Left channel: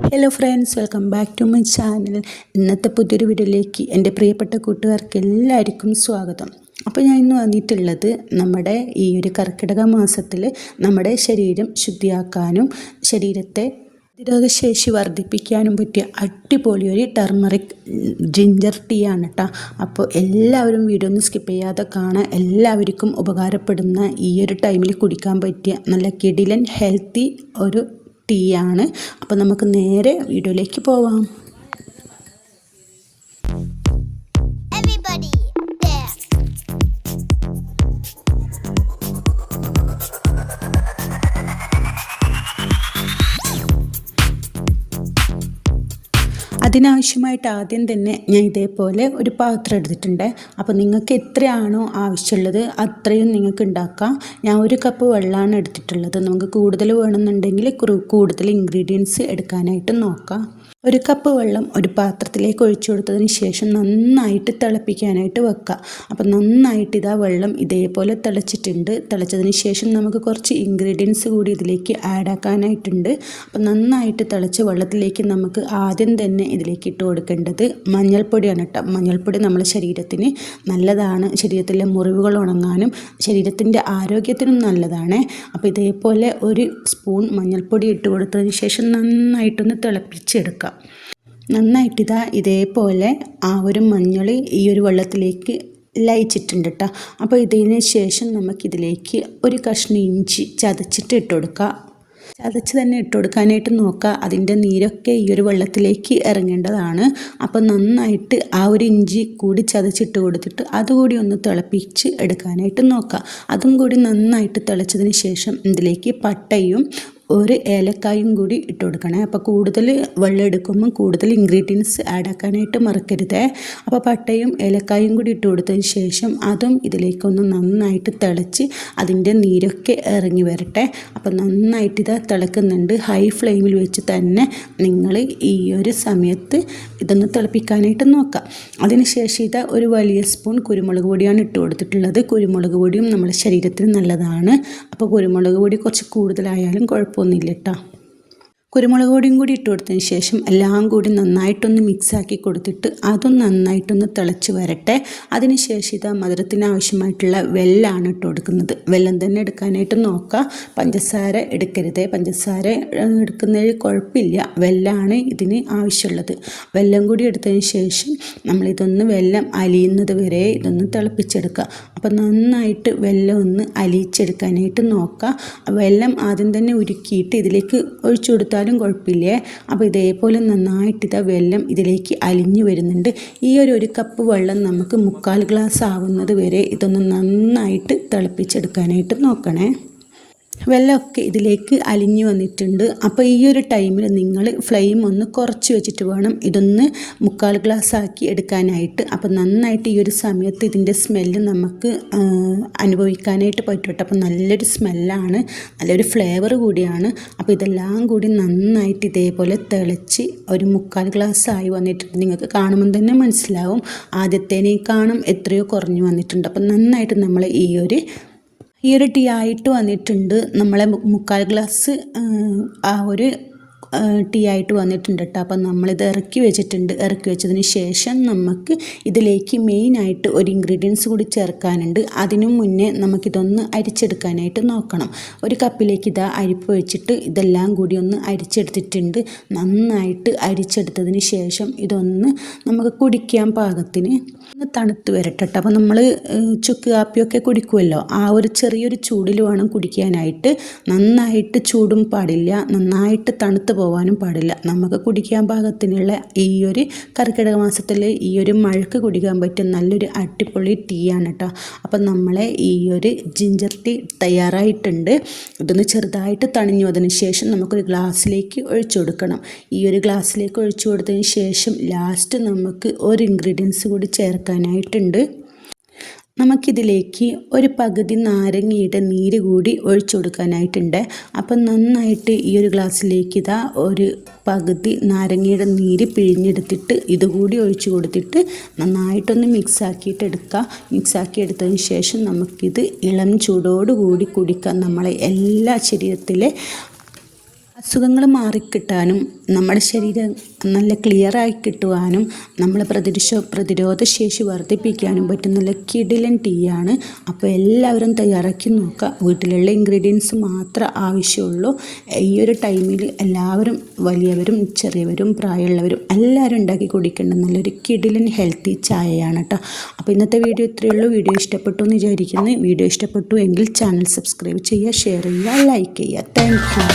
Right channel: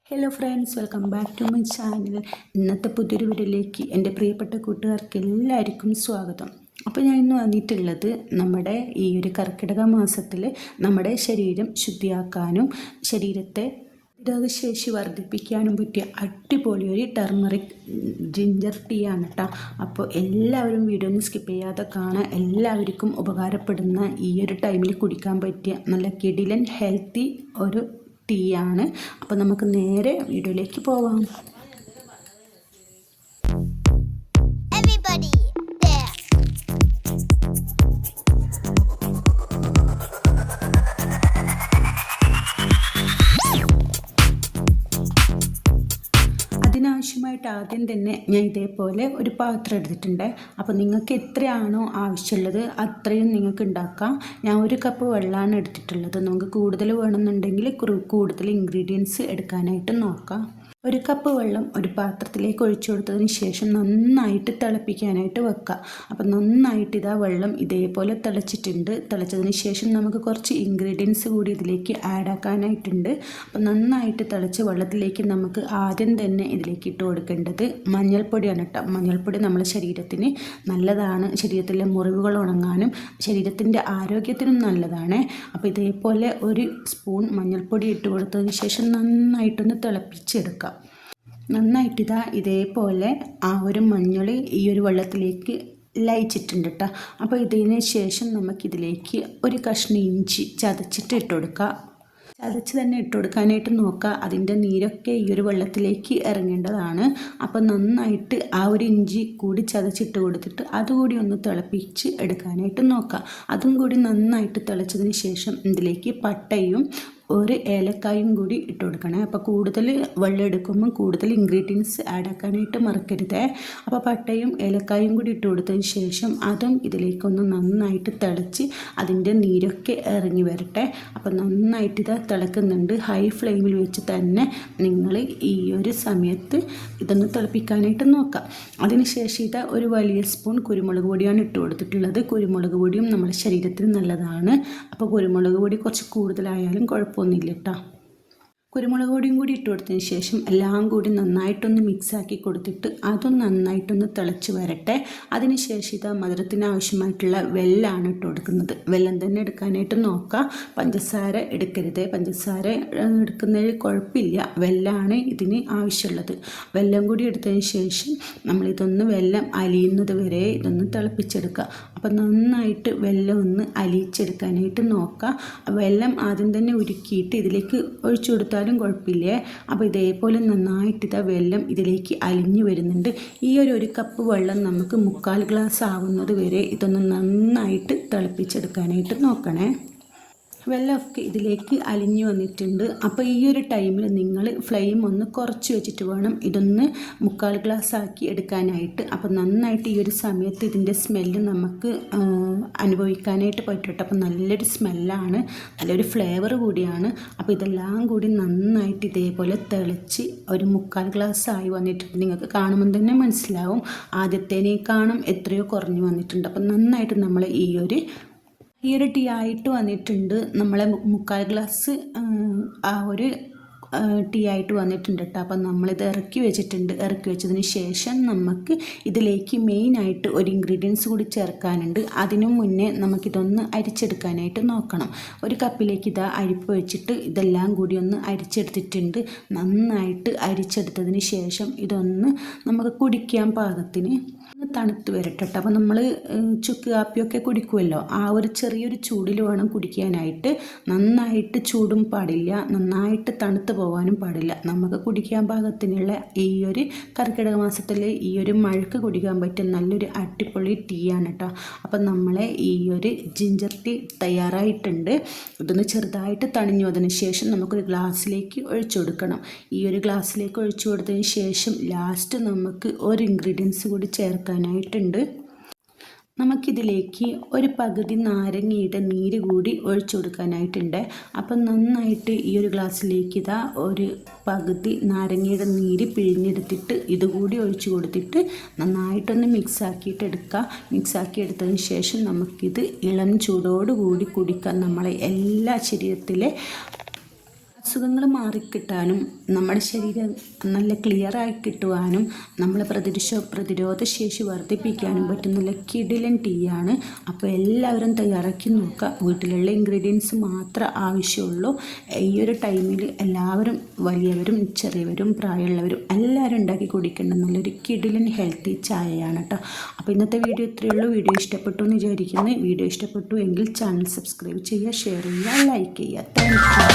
Hello friends welcome back to my channel ഇന്നത്തെ പുതിയൊരു വീഡിയോയിലേക്ക് എന്റെ പ്രിയപ്പെട്ട കൂട്ടുകാർക്ക് എല്ലാവർക്കും സ്വാഗതം. അപ്പോൾ ഞാൻ ഇന്ന് വന്നിട്ടുള്ളത് നമ്മുടെ ഈ ഒരു കർക്കിടക മാസത്തിൽ നമ്മുടെ ശരീരം ശുദ്ധിയാക്കാനും ശരീരത്തെ പ്രതിരോധശേഷി വർദ്ധിപ്പിക്കാനും പറ്റിയ അടിപൊളി ഒരു ടർമറിക് ജിഞ്ചർ ടീ ആണ് കേട്ടോ അപ്പോൾ എല്ലാവരും വീഡിയോ ഒന്നും സ്കിപ്പ് ചെയ്യാതെ കാണാൻ എല്ലാവർക്കും ഉപകാരപ്പെടുന്ന ഈ ഒരു ടൈമിൽ കുടിക്കാൻ പറ്റിയ നല്ല കിടിലൻ ഹെൽത്തി ഒരു ടീ ആണ് അപ്പോൾ നമുക്ക് നേരെ വീഡിയോയിലേക്ക് പോവാം. അതിനാവശ്യമായിട്ട് ആദ്യം തന്നെ ഞാൻ ഇതേപോലെ ഒരു പാത്രം എടുത്തിട്ടുണ്ട്. അപ്പോൾ നിങ്ങൾക്ക് എത്രയാണോ ആവശ്യമുള്ളത് അത്രയും നിങ്ങൾക്ക് ഉണ്ടാക്കാം. ഞാൻ ഒരു കപ്പ് വെള്ളമാണ് എടുത്തിട്ടുള്ളത്. നമുക്ക് കൂടുതൽ വേണമെന്നുണ്ടെങ്കിൽ കൂടുതൽ ഇൻഗ്രീഡിയൻസ് എടുക്കാനായിട്ട് നോക്കാം. ഒരു കപ്പ് വെള്ളം ഒരു പാത്രത്തിലേക്ക് ഒഴിച്ചു കൊടുത്തതിന് ശേഷം നന്നായിട്ട് തിളപ്പിക്കാനായിട്ട് വെക്കുക. അപ്പം നന്നായിട്ട് ഇതാ വെള്ളം ഇതേപോലെ തിളച്ചിട്ടുണ്ട്. തിളച്ചതിന് ശേഷം നമുക്ക് കുറച്ച് ഇൻഗ്രീഡിയൻസ് കൂടി ഇതിലേക്ക് ആഡ് ആക്കാനായിട്ടുണ്ട്. അപ്പോൾ നന്നായിട്ട് തിളച്ച വെള്ളത്തിലേക്ക് നമുക്ക് ആദ്യം തന്നെ ഇതിലേക്ക് ഇട്ട് കൊടുക്കേണ്ടത് മഞ്ഞൾപ്പൊടിയാണ് കേട്ടോ. മഞ്ഞൾപ്പൊടി നമ്മുടെ ശരീരത്തിന് നല്ലതാണ്. ശരീരത്തിലെ മുറിവുകൾ ഉണങ്ങാനും ശരീരത്തിന്റെ ആരോഗ്യത്തിനും നല്ലതാണ്. അപ്പോൾ ഇതേപോലെ ഒരു സ്പൂൺ മഞ്ഞൾപ്പൊടി ഇട്ട് കൊടുത്തതിന് ശേഷം നന്നായിട്ടൊന്ന് തിളപ്പിച്ചെടുക്കാം. നന്നായിട്ട് ഇതാ ഇതേപോലെ ആ ഒരു മഞ്ഞളി ഈ ഒരു വെള്ളത്തിലേക്ക് ലയിച്ചിട്ടുണ്ട് കേട്ടോ അപ്പോൾ ഇതിന് ശേഷം നമുക്കിതിലേക്ക് ഒരു കഷ്ണം ഇഞ്ചി ചതച്ചിട്ട് ഇട്ട് കൊടുക്കുക ചതച്ച് തന്നെ ഇട്ട് കൊടുക്കാനായിട്ട് നോക്കുക അതിന്റെ നീരൊക്കെ ഈ ഒരു വെള്ളത്തിലേക്ക് ഇറങ്ങേണ്ടതാണ്. അപ്പോൾ നന്നായിട്ട് ആ ഒരു ഇഞ്ചി കൂടി ചതച്ചിട്ട് കൊടുത്തിട്ട് അതുകൂടി ഒന്ന് തിളപ്പിച്ച് എടുക്കാനായിട്ട് നോക്കുക അതും കൂടി നന്നായിട്ട് തിളച്ചതിന് ശേഷം ഇതിലേക്ക് പട്ടയും ഒരു ഏലക്കായും കൂടി ഇട്ട് കൊടുക്കണേ. അപ്പോൾ കൂടുതൽ വെള്ളം എടുക്കുമ്പോൾ കൂടുതൽ ഇൻഗ്രീഡിയൻസ് ആഡ് ആക്കാനായിട്ട് മറക്കരുത്. അപ്പോൾ പട്ടയും ഏലക്കായും കൂടി ഇട്ട് കൊടുത്തതിന് ശേഷം അതും ഇതിലേക്കൊന്ന് നന്നായിട്ട് തിളച്ച് അതിന്റെ നീരൊക്കെ ഇറങ്ങി വരട്ടെ. അപ്പോൾ നന്നായിട്ട് ഇത് തിളക്കുന്നുണ്ട്. ഹൈ ഫ്ലെയിമിൽ വെച്ച് തന്നെ നിങ്ങൾ ഈ ഒരു സമയത്ത് ഇതൊന്ന് തിളപ്പിക്കാനായിട്ട് നോക്കാം അതിനുശേഷം ഇത് ഒരു വലിയ സ്പൂൺ കുരുമുളക് പൊടിയാണ് ഇട്ട് കൊടുത്തിട്ടുള്ളത്. കുരുമുളക് പൊടിയും നമ്മുടെ ശരീരത്തിന് നല്ലതാണ്. അപ്പോൾ കുരുമുളക് പൊടി കുറച്ച് കൂടുതലായാലും കുഴപ്പമൊന്നുമില്ല കേട്ടോ. കുരുമുളക് പൊടിയും കൂടി ഇട്ട് കൊടുത്തതിന് ശേഷം എല്ലാം കൂടി നന്നായിട്ടൊന്ന് മിക്സാക്കി കൊടുത്തിട്ട് അതും നന്നായിട്ടൊന്ന് തിളച്ച് വരട്ടെ. അതിനുശേഷം ഇത് മധുരത്തിന് ആവശ്യമായിട്ടുള്ള വെല്ലാണ് ഇട്ട് കൊടുക്കുന്നത്. വെല്ലം തന്നെ എടുക്കാനായിട്ട് നോക്കാം. പഞ്ചസാര എടുക്കരുത്. പഞ്ചസാര എടുക്കുന്നതിൽ കുഴപ്പമില്ല. വെല്ലാണ് ഇതിന് ആവശ്യമുള്ളത്. വെല്ലം കൂടി എടുത്തതിന് ശേഷം നമ്മളിതൊന്ന് വെല്ലം അലിയുന്നത് വരെ ഇതൊന്ന് തിളപ്പിച്ചെടുക്കുക. അപ്പോൾ നന്നായിട്ട് വെല്ലം ഒന്ന് അലിയിച്ചെടുക്കാനായിട്ട് നോക്കുക വെല്ലം ആദ്യം തന്നെ ഉരുക്കിയിട്ട് ഇതിലേക്ക് ഒഴിച്ചു കൊടുത്താലും കുഴപ്പമില്ലേ? അപ്പോൾ ഇതേപോലെ നന്നായിട്ട് ഇതാ വെള്ളം ഇതിലേക്ക് അലിഞ്ഞു വരുന്നുണ്ട്. ഈ ഒരു ഒരു കപ്പ് വെള്ളം നമുക്ക് മുക്കാൽ ഗ്ലാസ് ആവുന്നത് വരെ ഇതൊന്ന് നന്നായിട്ട് തിളപ്പിച്ചെടുക്കാനായിട്ട് നോക്കണേ. വെള്ളമൊക്കെ ഇതിലേക്ക് അലിഞ്ഞു വന്നിട്ടുണ്ട്. അപ്പോൾ ഈ ഒരു ടൈമിൽ നിങ്ങൾ ഫ്ലെയിം ഒന്ന് കുറച്ച് വെച്ചിട്ട് വേണം ഇതൊന്ന് മുക്കാൽ ഗ്ലാസ് ആക്കി എടുക്കാനായിട്ട്. അപ്പോൾ നന്നായിട്ട് ഈ ഒരു സമയത്ത് ഇതിന്റെ സ്മെല്ല് നമുക്ക് അനുഭവിക്കാനായിട്ട് പറ്റും അപ്പോൾ നല്ലൊരു സ്മെല്ലാണ് നല്ലൊരു ഫ്ലേവർ കൂടിയാണ്. അപ്പോൾ ഇതെല്ലാം കൂടി നന്നായിട്ട് ഇതേപോലെ തിളച്ച് ഒരു മുക്കാൽ ഗ്ലാസ് ആയി വന്നിട്ടുണ്ട്. നിങ്ങൾക്ക് കാണുമ്പോൾ തന്നെ മനസ്സിലാവും. ആദ്യത്തേനേക്കാളും എത്രയോ കുറഞ്ഞു വന്നിട്ടുണ്ട്. അപ്പോൾ നന്നായിട്ട് നമ്മൾ ഈ ഒരു ഈ ഒരു ടീ ആയിട്ട് വന്നിട്ടുണ്ട്. നമ്മളെ മുക്കാൽ ഗ്ലാസ് ആ ഒരു ടീ ആയിട്ട് വന്നിട്ടുണ്ട് കേട്ടോ അപ്പം നമ്മളിത് ഇറക്കി വെച്ചിട്ടുണ്ട്. ഇറക്കി വെച്ചതിന് ശേഷം നമുക്ക് ഇതിലേക്ക് മെയിനായിട്ട് ഒരു ഇൻഗ്രീഡിയൻസ് കൂടി ചേർക്കാനുണ്ട്. അതിനു മുന്നേ നമുക്കിതൊന്ന് അരിച്ചെടുക്കാനായിട്ട് നോക്കണം. ഒരു കപ്പിലേക്ക് ഇതാ അരിപ്പ് വെച്ചിട്ട് ഇതെല്ലാം കൂടി ഒന്ന് അരിച്ചെടുത്തിട്ടുണ്ട്. നന്നായിട്ട് അരിച്ചെടുത്തതിന് ശേഷം ഇതൊന്ന് നമുക്ക് കുടിക്കാൻ പാകത്തിന് ഒന്ന് തണുത്ത് വരട്ടെ അപ്പോൾ നമ്മൾ ചുക്ക് കാപ്പിയൊക്കെ കുടിക്കുമല്ലോ ആ ഒരു ചെറിയൊരു ചൂടിൽ വേണം കുടിക്കാനായിട്ട്. നന്നായിട്ട് ചൂടും പാടില്ല. നന്നായിട്ട് തണുത്ത് പോകാനും പാടില്ല. നമുക്ക് കുടിക്കാൻ പാകത്തിനുള്ള ഈ ഒരു കർക്കിടക മാസത്തിൽ ഈ ഒരു മഴക്ക് കുടിക്കാൻ പറ്റും നല്ലൊരു അടിപൊളി ടീ ആണ് കേട്ടോ അപ്പം നമ്മളെ ഈ ഒരു ജിഞ്ചർ ടീ തയ്യാറായിട്ടുണ്ട്. ഇതൊന്ന് ചെറുതായിട്ട് തണിഞ്ഞു. അതിന് ശേഷം നമുക്കൊരു ഗ്ലാസ്സിലേക്ക് ഒഴിച്ചു കൊടുക്കണം. ഈ ഒരു ഗ്ലാസ്സിലേക്ക് ഒഴിച്ചു കൊടുത്തതിന് ശേഷം ലാസ്റ്റ് നമുക്ക് ഒരു ഇൻഗ്രീഡിയൻസ് കൂടി ചേർക്കാനായിട്ടുണ്ട്. നമുക്കിതിലേക്ക് ഒരു പകുതി നാരങ്ങയുടെ നീര് കൂടി ഒഴിച്ചു കൊടുക്കാനായിട്ടുണ്ട്. അപ്പം നന്നായിട്ട് ഈ ഒരു ഗ്ലാസ്സിലേക്ക് ഇതാ ഒരു പകുതി നാരങ്ങയുടെ നീര് പിഴിഞ്ഞെടുത്തിട്ട് ഇതുകൂടി ഒഴിച്ചു കൊടുത്തിട്ട് നന്നായിട്ടൊന്ന് മിക്സ് ആക്കിയിട്ട് എടുക്കുക മിക്സ് ആക്കി എടുത്തതിന് ശേഷം നമുക്കിത് ഇളം ചൂടോടുകൂടി കുടിക്കാം. നമ്മളെ എല്ലാ ശരീരത്തിലെ അസുഖങ്ങൾ മാറിക്കിട്ടാനും നമ്മുടെ ശരീരം നല്ല ക്ലിയറായി കിട്ടുവാനും നമ്മളെ പ്രതിരോധ പ്രതിരോധ ശേഷി വർദ്ധിപ്പിക്കാനും പറ്റും. നല്ല കിടിലൻ ടീയാണ് അപ്പോൾ എല്ലാവരും തയ്യാറാക്കി നോക്കുക. വീട്ടിലുള്ള ഇൻഗ്രീഡിയൻസ് മാത്രം ആവശ്യമുള്ളൂ. ഈ ഒരു ടൈമിൽ എല്ലാവരും വലിയവരും ചെറിയവരും പ്രായമുള്ളവരും എല്ലാവരും ഉണ്ടാക്കി കുടിക്കേണ്ട നല്ലൊരു കിടിലൻ ഹെൽത്തി ചായയാണ് കേട്ടോ. അപ്പോൾ ഇന്നത്തെ വീഡിയോ ഇത്രയേ ഉള്ളൂ. വീഡിയോ ഇഷ്ടപ്പെട്ടു എന്ന് വിചാരിക്കുന്നു. വീഡിയോ ഇഷ്ടപ്പെട്ടു എങ്കിൽ ചാനൽ സബ്സ്ക്രൈബ് ചെയ്യുക ഷെയർ ചെയ്യുക ലൈക്ക് ചെയ്യുക. താങ്ക്